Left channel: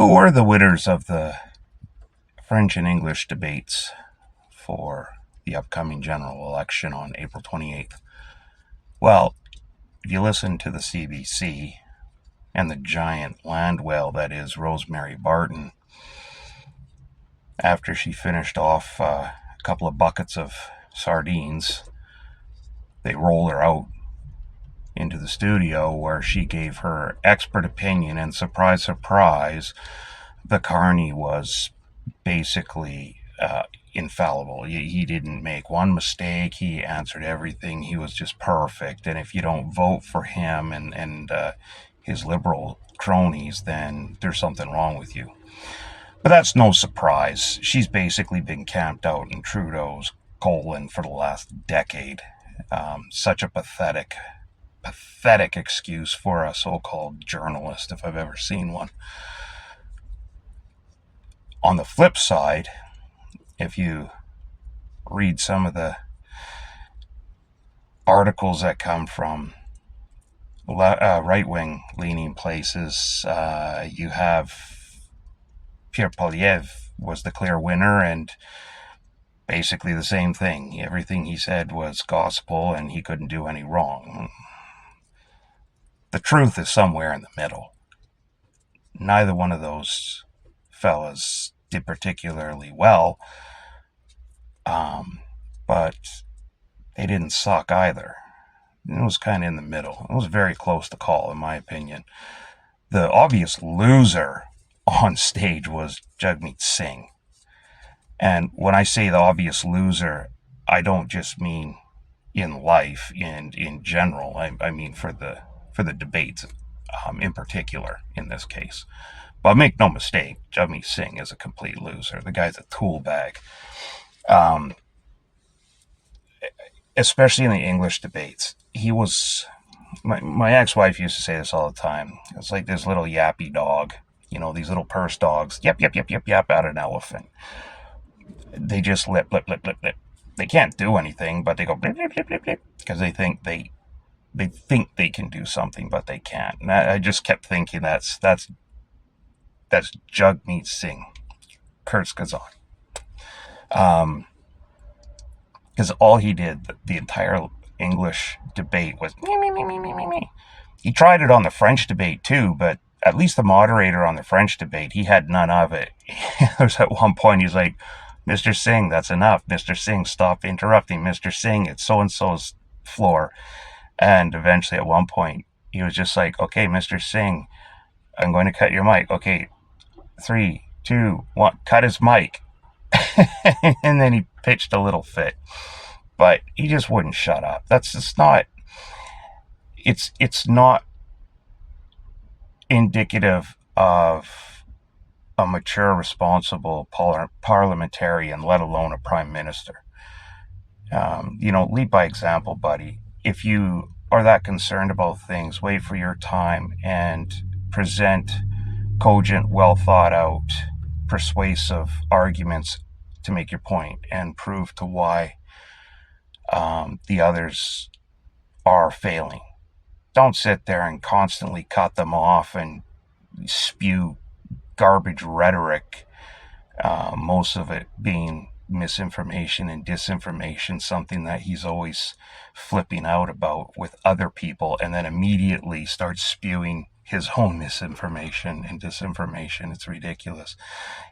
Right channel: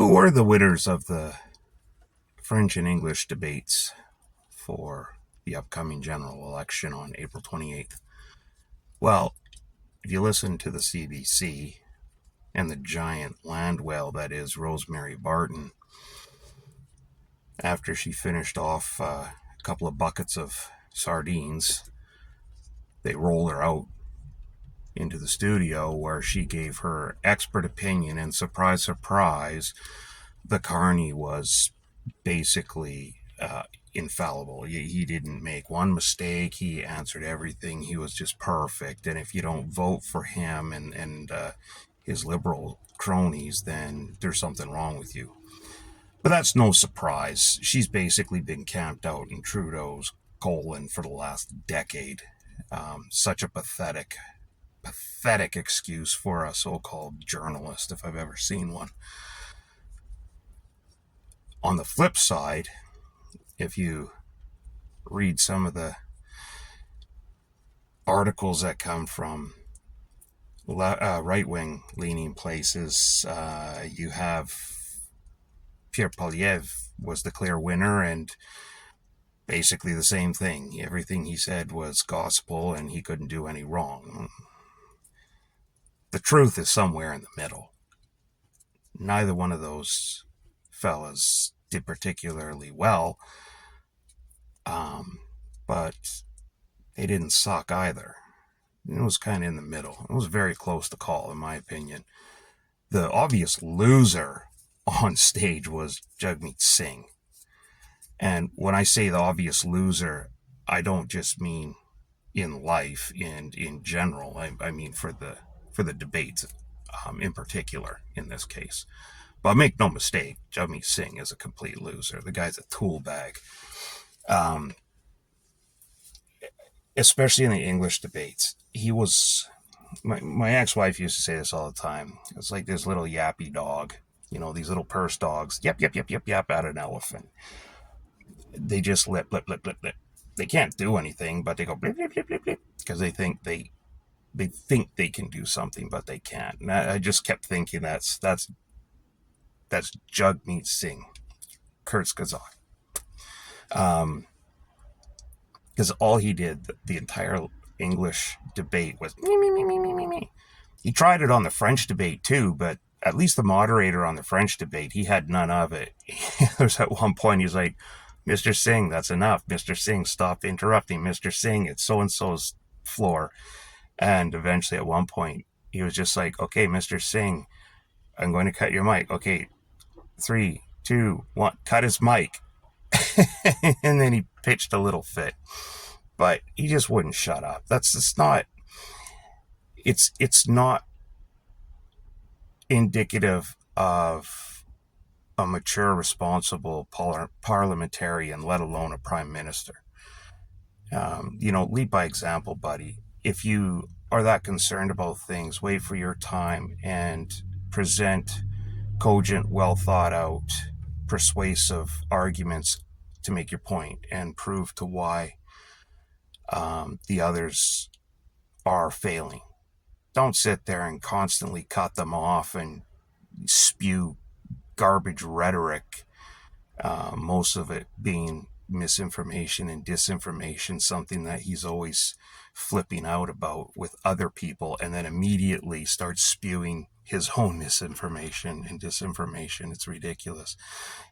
Who were the winners of the French and English debates for the upcoming general election on April 28th? Well, if you listen to the CBC and the giant land whale that is Rosemary Barton, after she finished off a couple of buckets of sardines, they rolled her out into the studio where she gave her expert opinion, and surprise, surprise, the Carney was basically infallible. He didn't make one mistake. He answered everything. He was just perfect. And if you don't vote for him and his liberal cronies, then there's something wrong with you. But that's no surprise. She's basically been camped out in Trudeau's colon for the last decade. Such a pathetic excuse for a so-called journalist, if I've ever seen one. On the flip side, if you read some of the articles that come from right-wing leaning places, you have Pierre Poilievre was the clear winner, and basically the same thing. Everything he said was gospel, and he couldn't do any wrong. The truth is somewhere in the middle. Neither one of those fellas did particularly well, but they didn't suck either. It was kind of in the middle. It was very close to call, in my opinion. The obvious loser on stage was Jagmeet Singh. And when I say the obvious loser, I don't just mean in life and in general. I mean for the debates in particular in this case. But make no mistake, Jagmeet Singh is a complete loser. The guy's a tool bag. Especially in the English debates. He was... My ex-wife used to say this all the time. It's like this little yappy dog. You know, these little purse dogs. Yap, yap, yap, yap, yap at an elephant. They just lip, lip, lip, lip, lip. They can't do anything, but they go blip, blip, blip, blip, blip, because they think they can do something, but they can't. And I just kept thinking that's Jagmeet Singh, Kurzgesagt. Because all he did, the entire English debate was me, me, me, me, me, me, me. He tried it on the French debate too, but at least the moderator on the French debate, he had none of it. There's at one point, he's like, Mr. Singh, that's enough. Mr. Singh, stop interrupting. Mr. Singh, it's so-and-so's floor. And eventually at one point, he was just like, okay, Mr. Singh, I'm going to cut your mic. Okay, 3, 2, 1, cut his mic. And then he pitched a little fit. But he just wouldn't shut up. That's just not... It's not indicative of a mature, responsible parliamentarian, let alone a prime minister. Lead by example, buddy. If you are that concerned about things, wait for your time and present cogent, well thought out, persuasive arguments to make your point and prove to why the others are failing. Don't sit there and constantly cut them off and spew garbage rhetoric, most of it being misinformation and disinformation, something that he's always flipping out about with other people, and then immediately starts spewing his own misinformation and disinformation. It's ridiculous.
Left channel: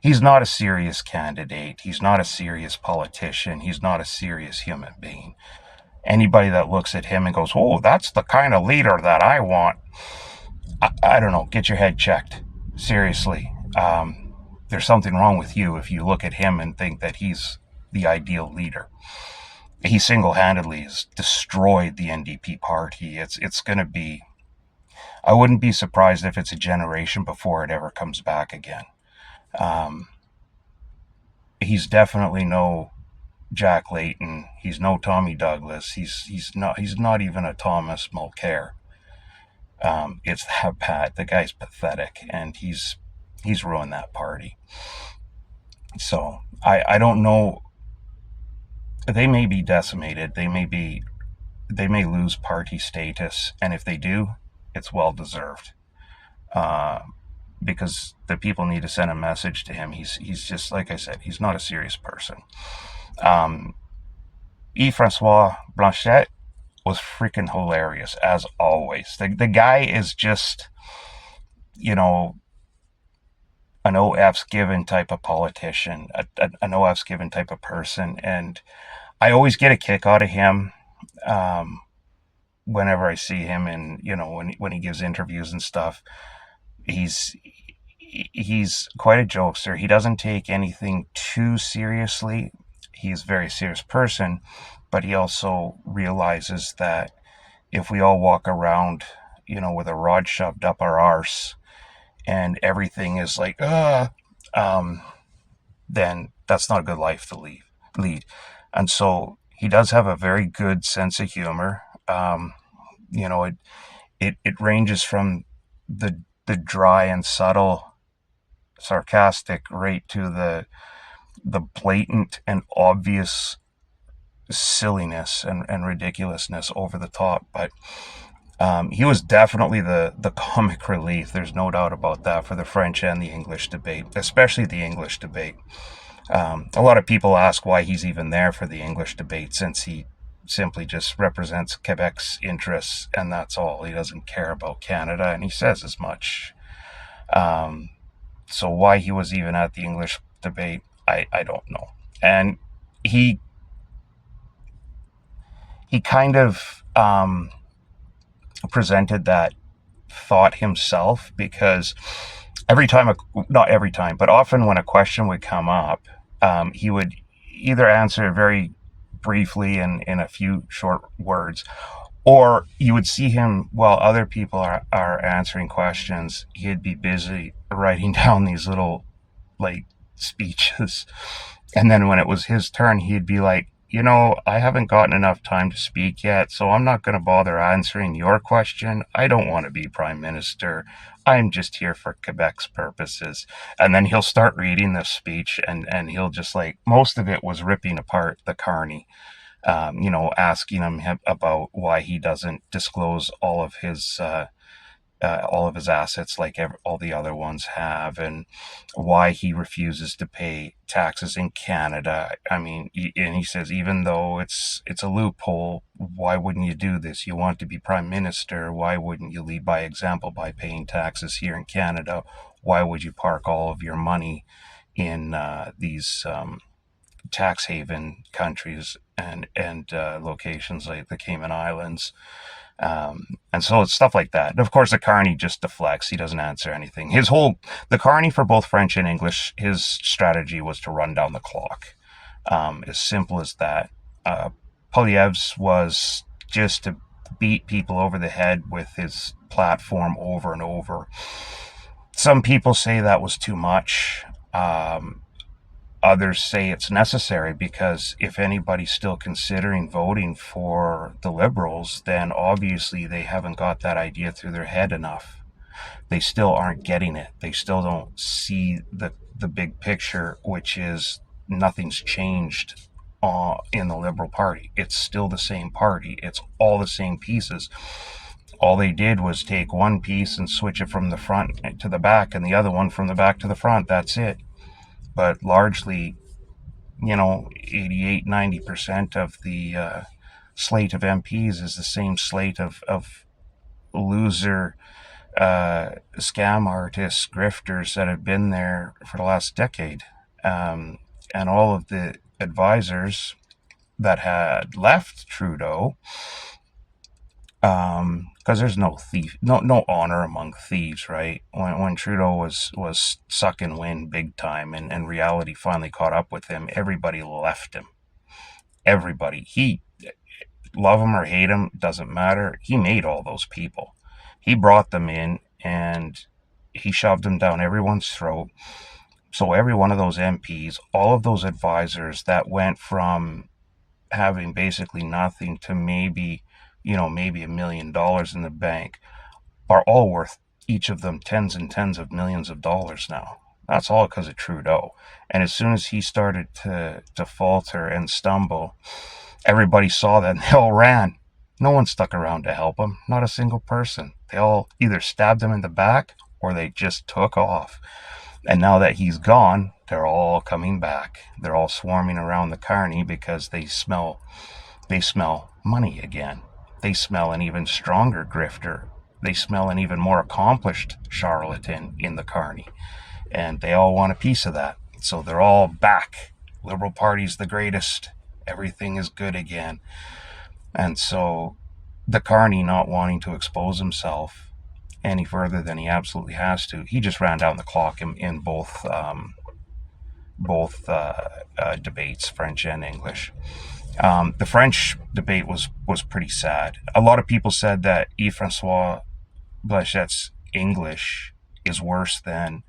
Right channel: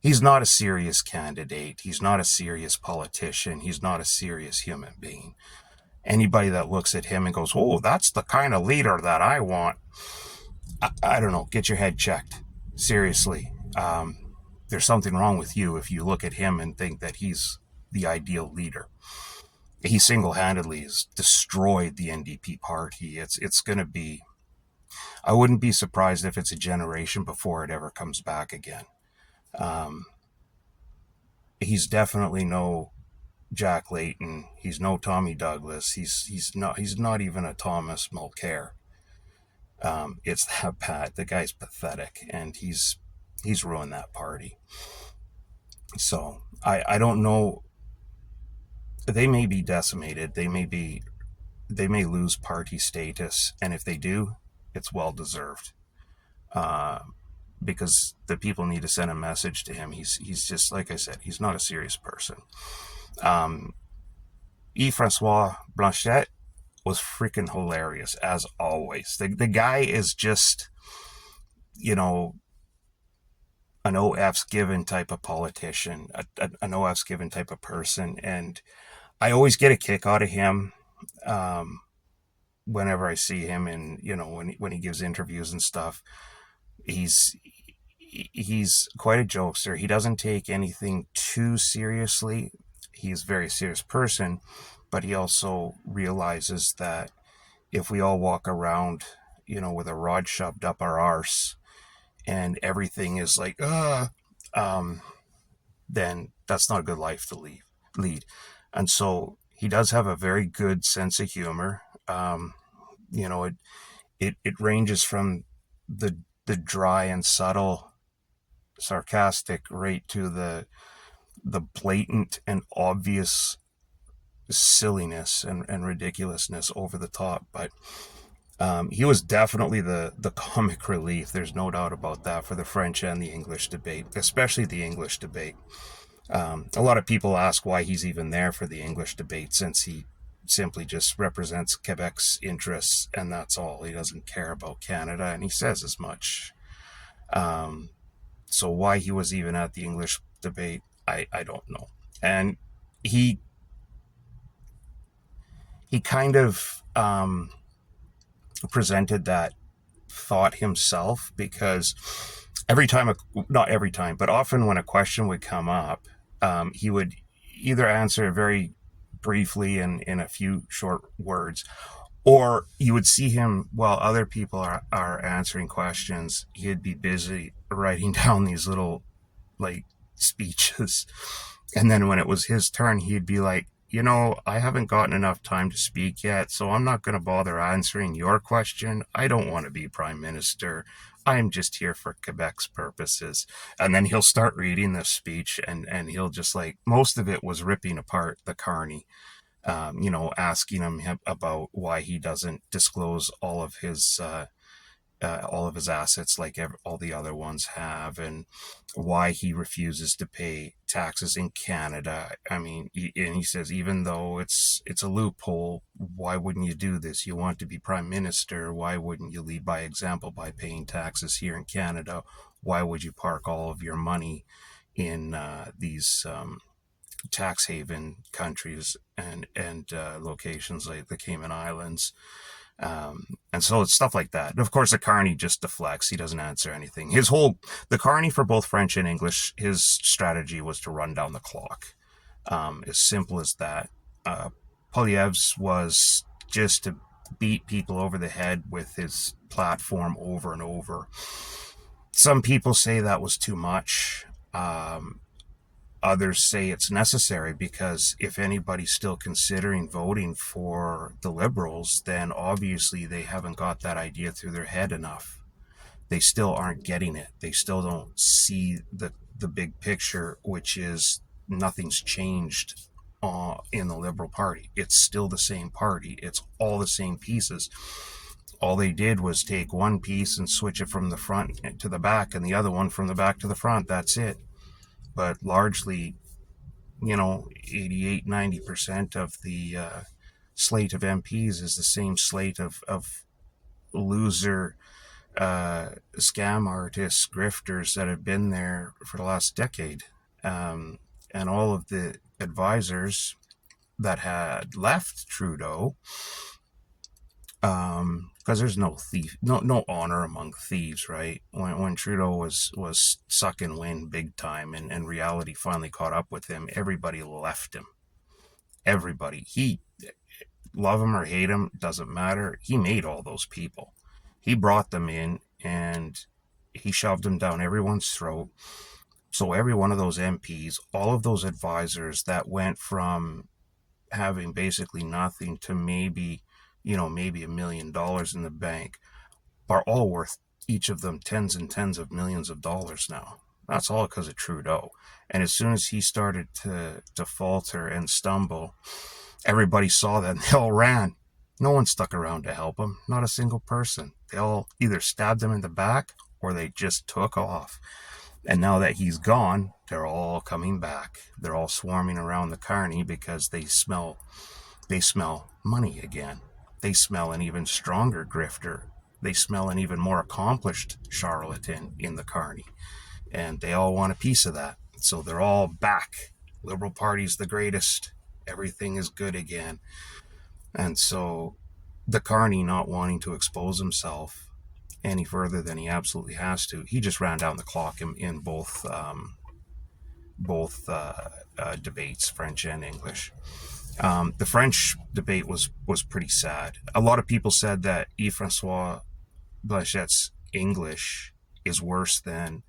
He's not a serious candidate. He's not a serious politician. He's not a serious human being. Anybody that looks at him and goes, oh, that's the kind of leader that I want, I don't know, get your head checked. Seriously. There's something wrong with you if you look at him and think that he's the ideal leader. He single-handedly has destroyed the NDP party. It's going to be... I wouldn't be surprised if it's a generation before it ever comes back again. He's definitely no Jack Layton. He's no Tommy Douglas. He's not even a Thomas Mulcair. It's that bad. The guy's pathetic, and he's ruined that party. So I don't know. They may be decimated. They may lose party status, and if they do, it's well deserved. because the people need to send a message to him. He's just, like I said, he's not a serious person. Francois Blanchet was freaking hilarious as always. The guy is just, you know, an OF's given type of politician, an OF's given type of person, and I always get a kick out of him. Um, Whenever I see him, and when he gives interviews and stuff, he's he's quite a jokester. He doesn't take anything too seriously. He's a very serious person, but he also realizes that if we all walk around, with a rod shoved up our arse and everything is like, um, then that's not a good life to lead. And so he does have a very good sense of humor. You know, it ranges from the dry and subtle sarcastic right to the blatant and obvious silliness and ridiculousness over the top. But he was definitely the comic relief. There's no doubt about that for the French and the English debate, especially the English debate. A lot of people ask why he's even there for the English debate, since he simply just represents Quebec's interests, and that's all. He doesn't care about Canada, and he says as much. So why he was even at the English debate, I don't know. And he kind of presented that thought himself, because not every time, but often when a question would come up, he would either answer very briefly in a few short words, or you would see him while other people are answering questions, he'd be busy writing down these little, like, speeches. And then when it was his turn, he'd be like, I haven't gotten enough time to speak yet, so I'm not going to bother answering your question. I don't want to be prime minister. I'm just here for Quebec's purposes. And then he'll start reading the speech, and he'll just, like, most of it was ripping apart the Carney, asking him about why he doesn't disclose all of his assets like all the other ones have, and why he refuses to pay taxes in Canada. I mean, he says, even though it's a loophole, why wouldn't you do this? You want to be prime minister. Why wouldn't you lead by example by paying taxes here in Canada? Why would you park all of your money in these tax haven countries and locations like the Cayman Islands? And so it's stuff like that. And of course, the Carney just deflects. He doesn't answer anything. The Carney, for both French and English, his strategy was to run down the clock. As simple as that. Poilievre's was just to beat people over the head with his platform over and over. Some people say that was too much. Others say it's necessary, because if anybody's still considering voting for the Liberals, then obviously they haven't got that idea through their head enough. They still aren't getting it. They still don't see the big picture, which is nothing's changed in the Liberal Party. It's still the same party. It's all the same pieces. All they did was take one piece and switch it from the front to the back, and the other one from the back to the front. That's it. But largely, 88-90% of the slate of MPs is the same slate of loser scam artists, grifters that have been there for the last decade. And all of the advisors that had left Trudeau, because there's no honor among thieves, right? When Trudeau was sucking wind big time, and reality finally caught up with him, everybody left him. Everybody. He, love him or hate him, doesn't matter. He made all those people. He brought them in, and he shoved them down everyone's throat. So every one of those MPs, all of those advisors that went from having basically nothing to maybe $1 million in the bank, are all worth, each of them, tens and tens of millions of dollars now. That's all because of Trudeau. And as soon as he started to falter and stumble, everybody saw that and they all ran. No one stuck around to help him. Not a single person. They all either stabbed him in the back or they just took off. And now that he's gone, they're all coming back. They're all swarming around the carny because they smell money again. They smell an even stronger grifter. They smell an even more accomplished charlatan in the carny. And they all want a piece of that. So they're all back. Liberal Party's the greatest. Everything is good again. And so the carny, not wanting to expose himself any further than he absolutely has to, he just ran down the clock in both debates, French and English. The French debate was pretty sad. A lot of people said that Yves-François Blanchett's English is worse than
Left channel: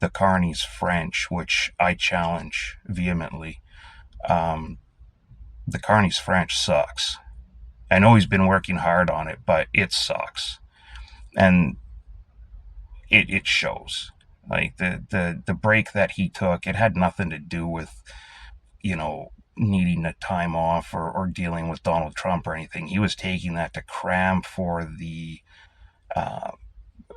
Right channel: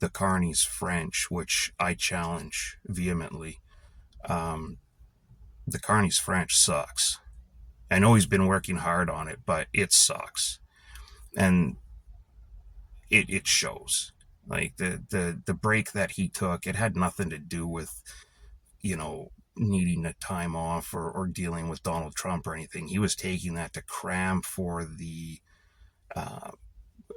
the carny's French, which I challenge vehemently. The carny's French sucks. I know he's been working hard on it, but it sucks. And it shows. Like the break that he took, it had nothing to do with, needing a time off or dealing with Donald Trump or anything. He was taking that to cram uh,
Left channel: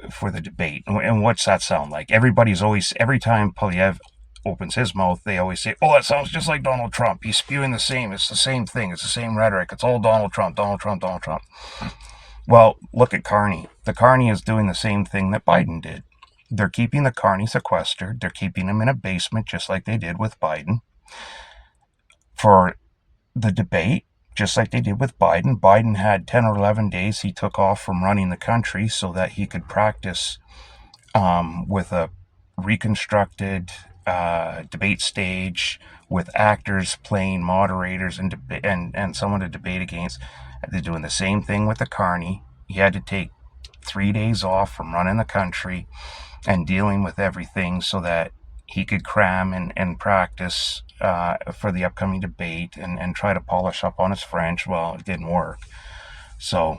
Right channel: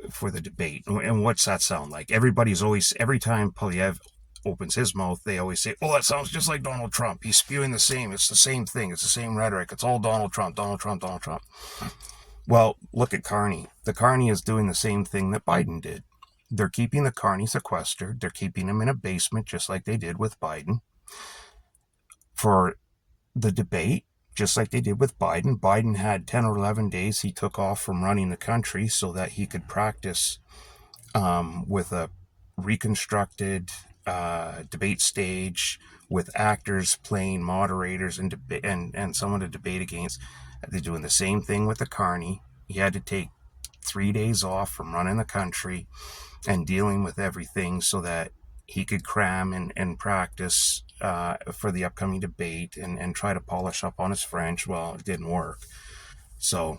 for the debate. And what's that sound like? Every time Polyev opens his mouth, they always say, "Oh, that sounds just like Donald Trump. He's spewing the same. It's the same thing. It's the same rhetoric. It's all Donald Trump, Donald Trump, Donald Trump." Well, look at Carney. The Carney is doing the same thing that Biden did. They're keeping the Carney sequestered. They're keeping him in a basement, just like they did with Biden. For the debate, just like they did with Biden, Biden had 10 or 11 days he took off from running the country so that he could practice with a reconstructed debate stage with actors playing moderators and someone to debate against. They're doing the same thing with the Carney. He had to take 3 days off from running the country and dealing with everything so that he could cram and practice for the upcoming debate and try to polish up on his French. Well, it didn't work. So,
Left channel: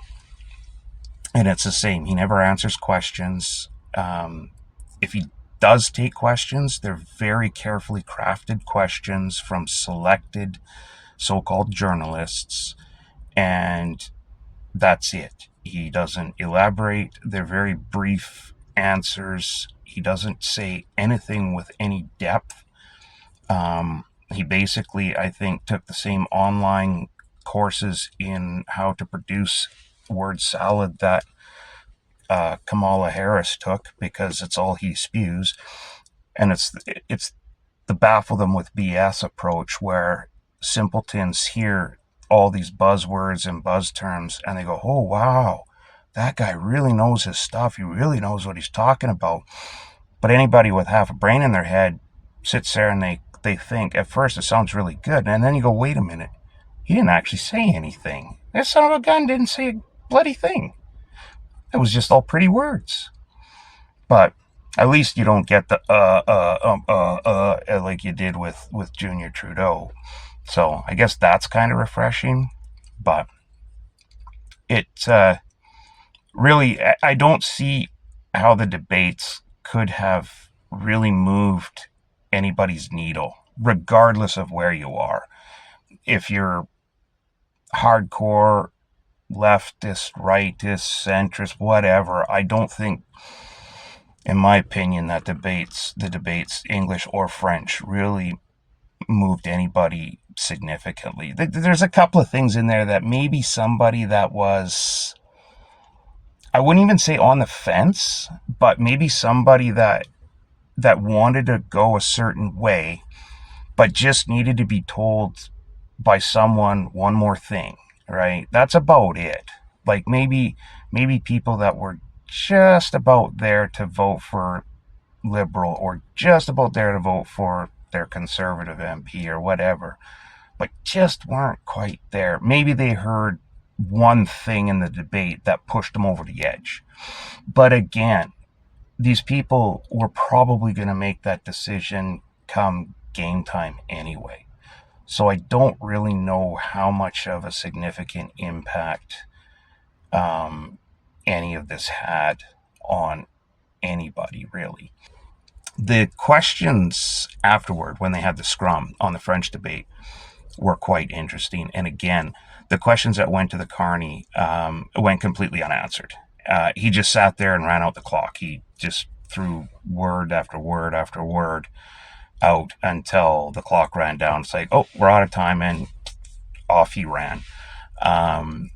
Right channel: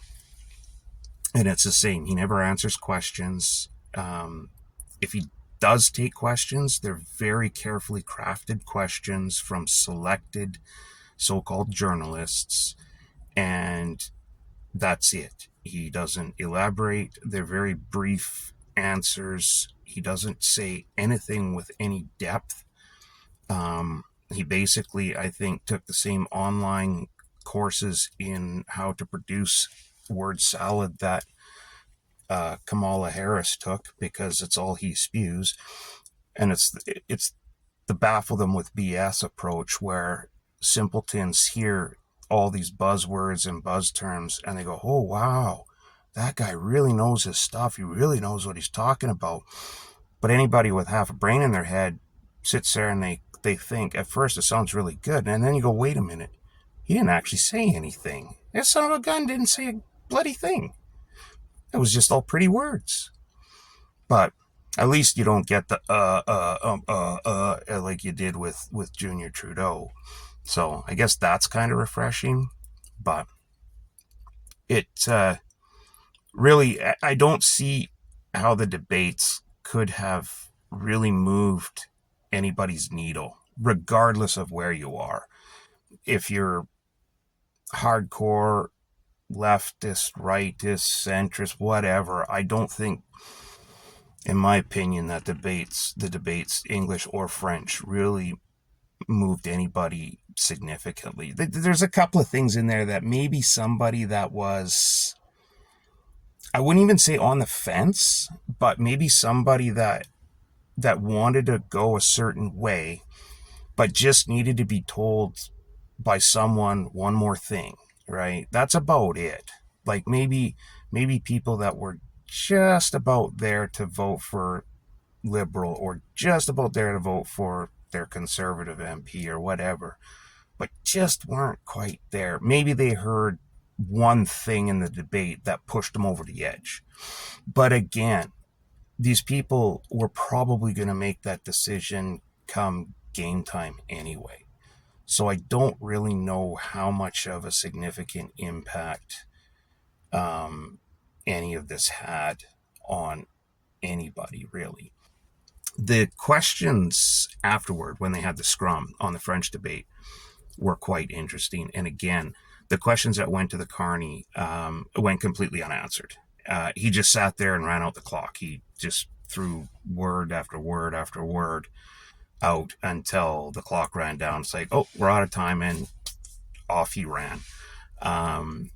and it's the same. He never answers questions. If he does take questions, they're very carefully crafted questions from selected so-called journalists, and that's it. He doesn't elaborate. They're very brief answers. He doesn't say anything with any depth. He basically, I think, took the same online courses in how to produce word salad that Kamala Harris took, because it's all he spews. And it's the baffle them with BS approach, where simpletons hear all these buzzwords and buzz terms and they go, "Oh, wow, that guy really knows his stuff. He really knows what he's talking about." But anybody with half a brain in their head sits there and they think at first it sounds really good. And then you go, wait a minute. He didn't actually say anything. This son of a gun didn't say a bloody thing. It was just all pretty words. But at least you don't get the like you did with Junior Trudeau. So I guess that's kind of refreshing. But it really, I don't see how the debates could have really moved anybody's needle, regardless of where you are. If you're hardcore leftist, rightist, centrist, whatever, I don't think, in my opinion, that the debates, English or French, really moved anybody significantly. There's a couple of things in there that maybe somebody that was, I wouldn't even say on the fence, but maybe somebody that wanted to go a certain way, but just needed to be told by someone one more thing, right? That's about it. Like maybe people that were just about there to vote for Liberal or just about there to vote for their Conservative MP or whatever, but just weren't quite there. Maybe they heard one thing in the debate that pushed them over the edge. But again, these people were probably going to make that decision come game time anyway. So I don't really know how much of a significant impact any of this had on anybody, really. The questions afterward, when they had the scrum on the French debate, were quite interesting. And again, the questions that went to the Carney went completely unanswered. He just sat there and ran out the clock. He just threw word after word after word out until the clock ran down. It's like, oh, we're out of time, and off he ran. Um,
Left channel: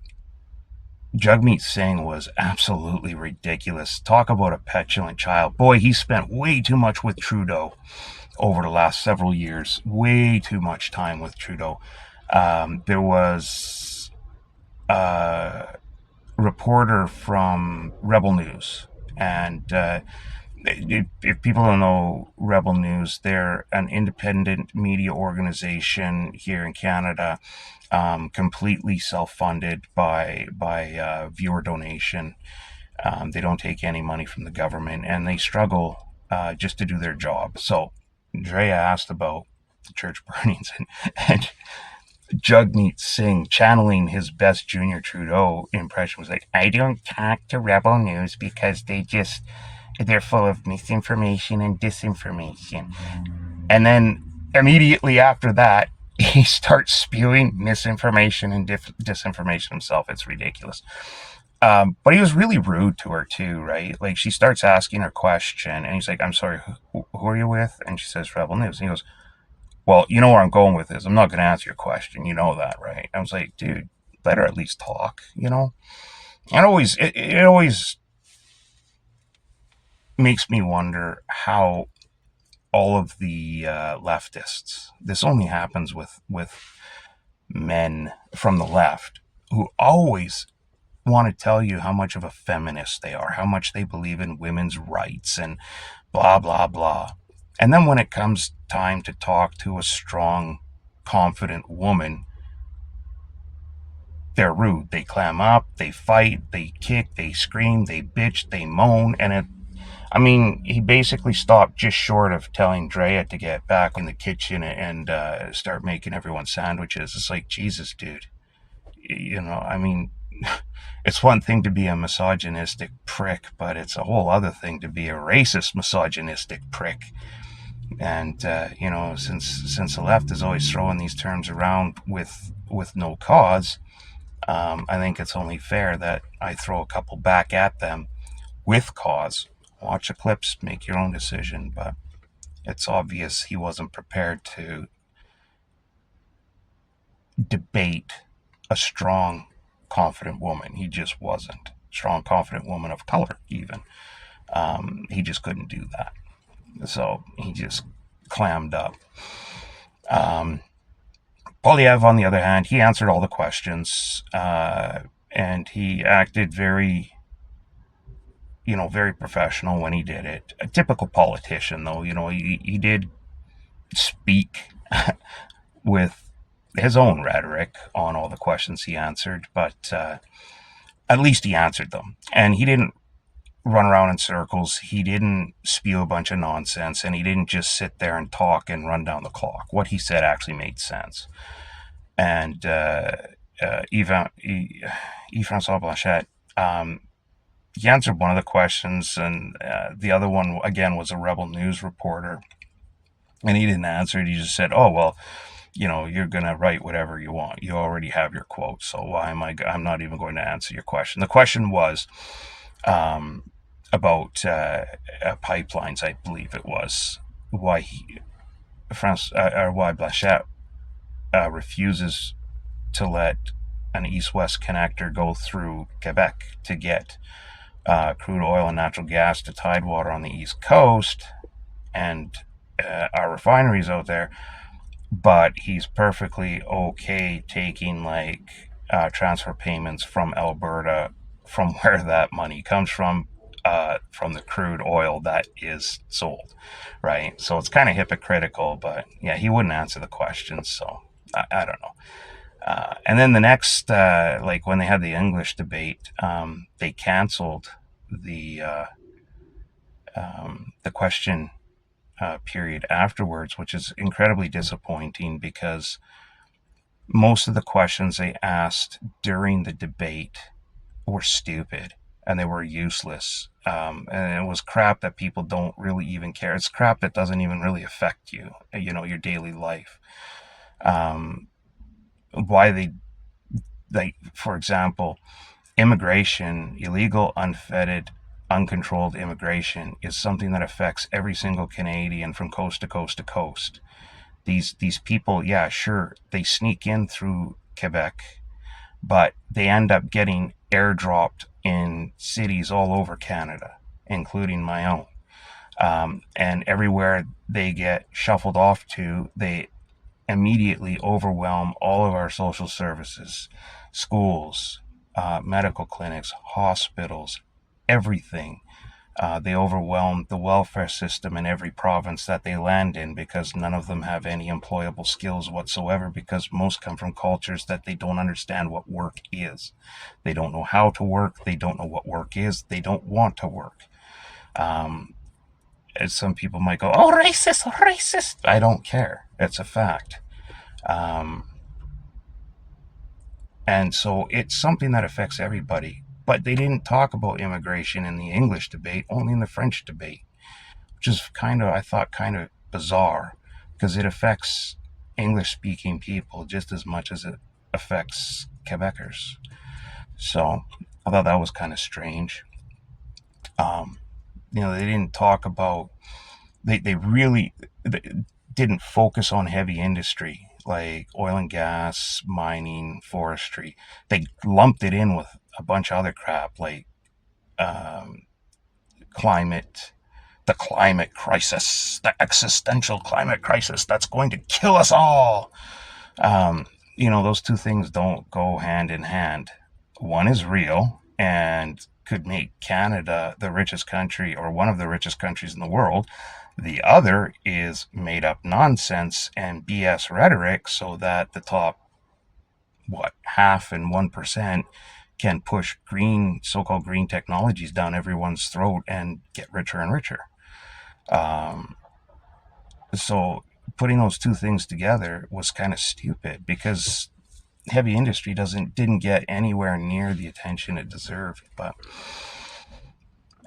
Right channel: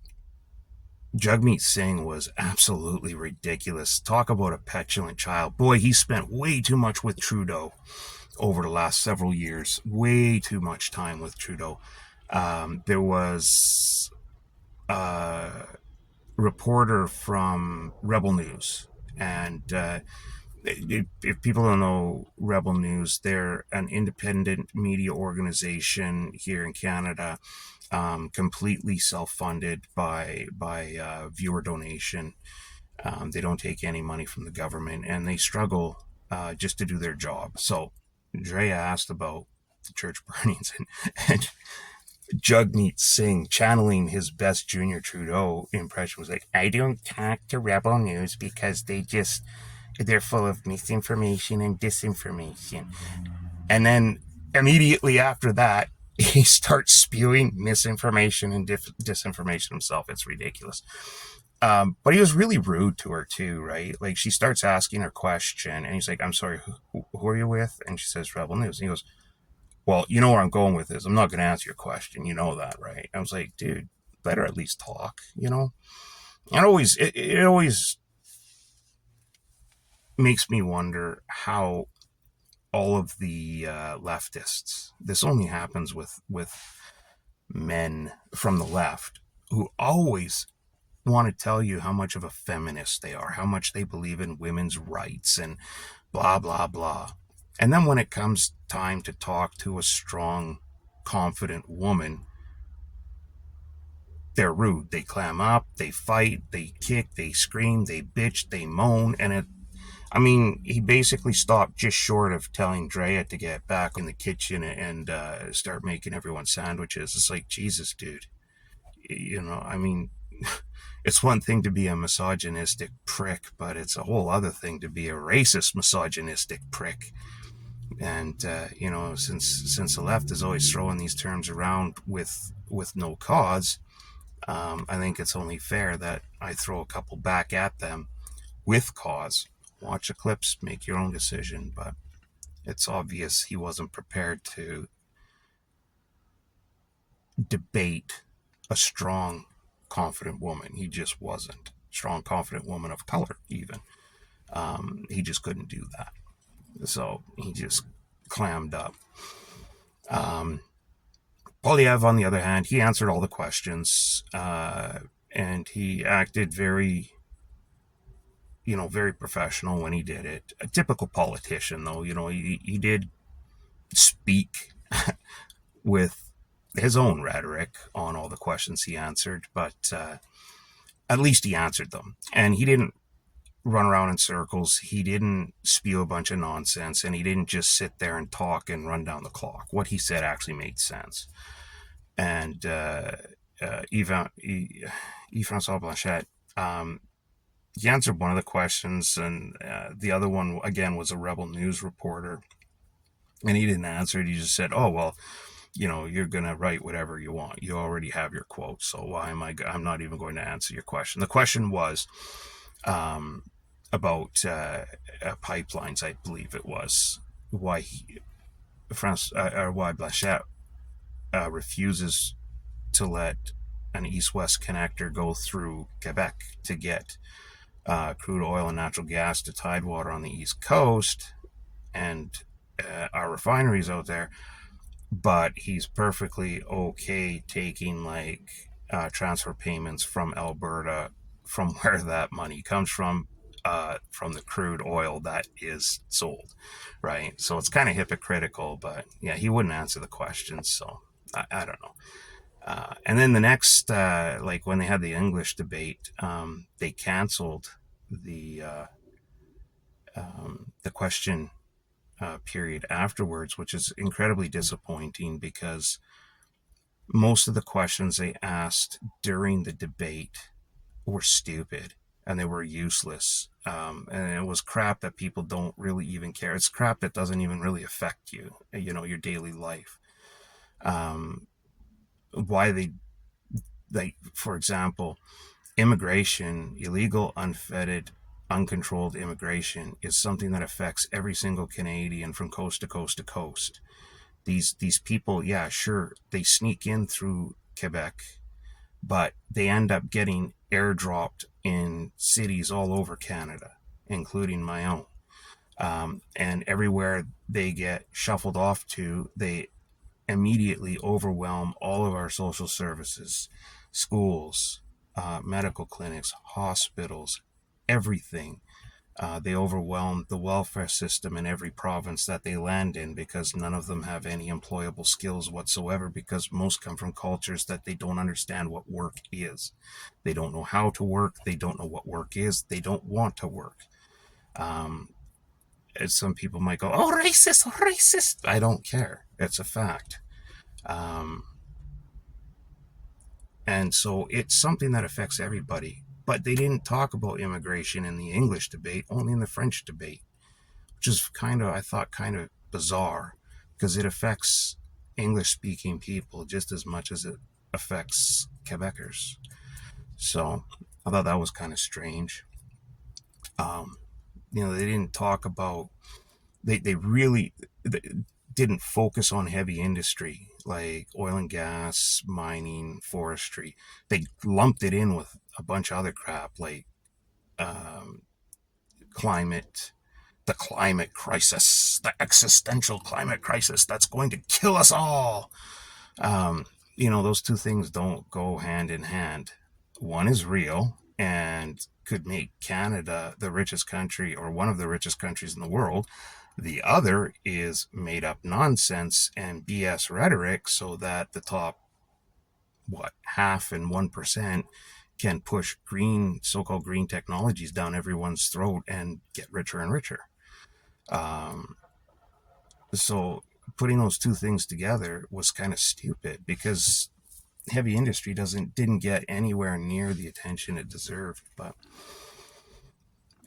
Jagmeet Singh was absolutely ridiculous. Talk about a petulant child. Boy, he spent way too much with Trudeau over the last several years. Way too much time with Trudeau. There was a reporter from Rebel News, and if people don't know Rebel News, they're an independent media organization here in Canada, completely self-funded by viewer donation. They don't take any money from the government, and they struggle just to do their job. So Drea asked about the church burnings, and Jagmeet Singh, channeling his best Junior Trudeau impression, was like, I don't talk to Rebel News because they're full of misinformation and disinformation. And then immediately after that, he starts spewing misinformation and disinformation himself. It's ridiculous. But he was really rude to her too, right? Like, she starts asking her question, and he's like, I'm sorry, who are you with? And she says, Rebel News. And he goes, well, you know where I'm going with this. I'm not going to answer your question. You know that, right? I was like, dude, let her at least talk, you know? And it always makes me wonder how all of the leftists, this only happens with men from the left, who always want to tell you how much of a feminist they are, how much they believe in women's rights and blah, blah, blah. And then when it comes time to talk to a strong, confident woman, they're rude. They clam up, they fight, they kick, they scream, they bitch, they moan. He basically stopped just short of telling Drea to get back in the kitchen and start making everyone sandwiches. It's like, Jesus, dude. It's one thing to be a misogynistic prick, but it's a whole other thing to be a racist misogynistic prick. And since the left is always throwing these terms around with no cause, I think it's only fair that I throw a couple back at them with cause. Watch the clips, make your own decision, but it's obvious he wasn't prepared to debate a strong, confident woman. He just wasn't. Strong, confident woman of color, even. He just couldn't do that. So he just clammed up. Polyev, on the other hand, he answered all the questions, and he acted very professional when he did it. A typical politician, though. He did speak with his own rhetoric on all the questions he answered, but at least he answered them. And he didn't run around in circles. He didn't spew a bunch of nonsense, and he didn't just sit there and talk and run down the clock. What he said actually made sense. And Yves-François Blanchet, he answered one of the questions, and the other one, again, was a Rebel News reporter. And he didn't answer it. He just said, oh, well, you're going to write whatever you want. You already have your quote, so I'm not even going to answer your question. The question was about pipelines, I believe it was, why Blanchet refuses to let an east-west connector go through Quebec to get crude oil and natural gas to Tidewater on the East Coast and our refineries out there, but he's perfectly okay taking transfer payments from Alberta, from where that money comes from the crude oil that is sold, right? So it's kind of hypocritical, but yeah, he wouldn't answer the questions, so I don't know. And then the next, when they had the English debate, they canceled the question period afterwards, which is incredibly disappointing because most of the questions they asked during the debate were stupid and they were useless. And it was crap that people don't really even care. It's crap that doesn't even really affect you, your daily life. Why for example, immigration, illegal, unfettered uncontrolled immigration is something that affects every single Canadian from coast to coast to coast. These people, yeah, sure, they sneak in through Quebec, but they end up getting airdropped in cities all over Canada, including my own. And everywhere they get shuffled off to, they immediately overwhelm all of our social services, schools, medical clinics, hospitals, everything. They overwhelm the welfare system in every province that they land in because none of them have any employable skills whatsoever, because most come from cultures that they don't understand what work is. They don't know how to work. They don't know what work is. They don't want to work. As some people might go, oh, racist, oh, racist. I don't care. It's a fact. And so it's something that affects everybody. But they didn't talk about immigration in the English debate, only in the French debate, which is kind of, I thought, kind of bizarre because it affects English speaking people just as much as it affects Quebecers. So I thought that was kind of strange. They didn't talk about, they really didn't focus on heavy industry like oil and gas, mining, forestry. They lumped it in with a bunch of other crap like climate, the climate crisis, the existential climate crisis that's going to kill us all. Those two things don't go hand in hand. One is real and could make Canada the richest country or one of the richest countries in the world. The other is made up nonsense and BS rhetoric so that the top, half and 1% can push green, so-called green technologies down everyone's throat and get richer and richer. So putting those two things together was kind of stupid because heavy industry didn't get anywhere near the attention it deserved. But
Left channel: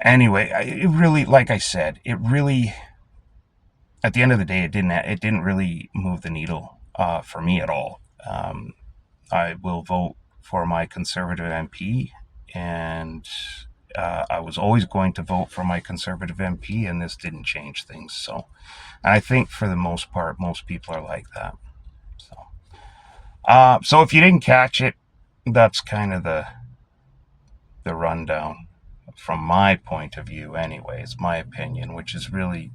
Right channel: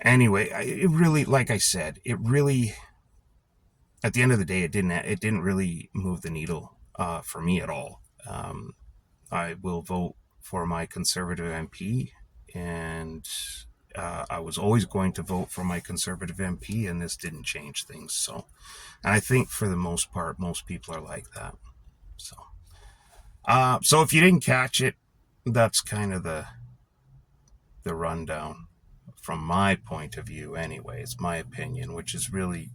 anyway, it really, like I said, it really, at the end of the day, it didn't really move the needle for me at all. I will vote for my Conservative MP, and I was always going to vote for my Conservative MP, and this didn't change things. So, and I think for the most part, most people are like that. So if you didn't catch it, that's kind of the rundown from my point of view. Anyway, it's my opinion, which is really,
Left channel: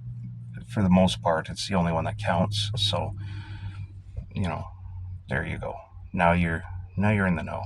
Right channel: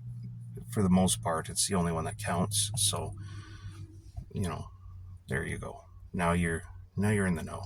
for the most part, it's the only one that counts. So, there you go. Now you're in the know.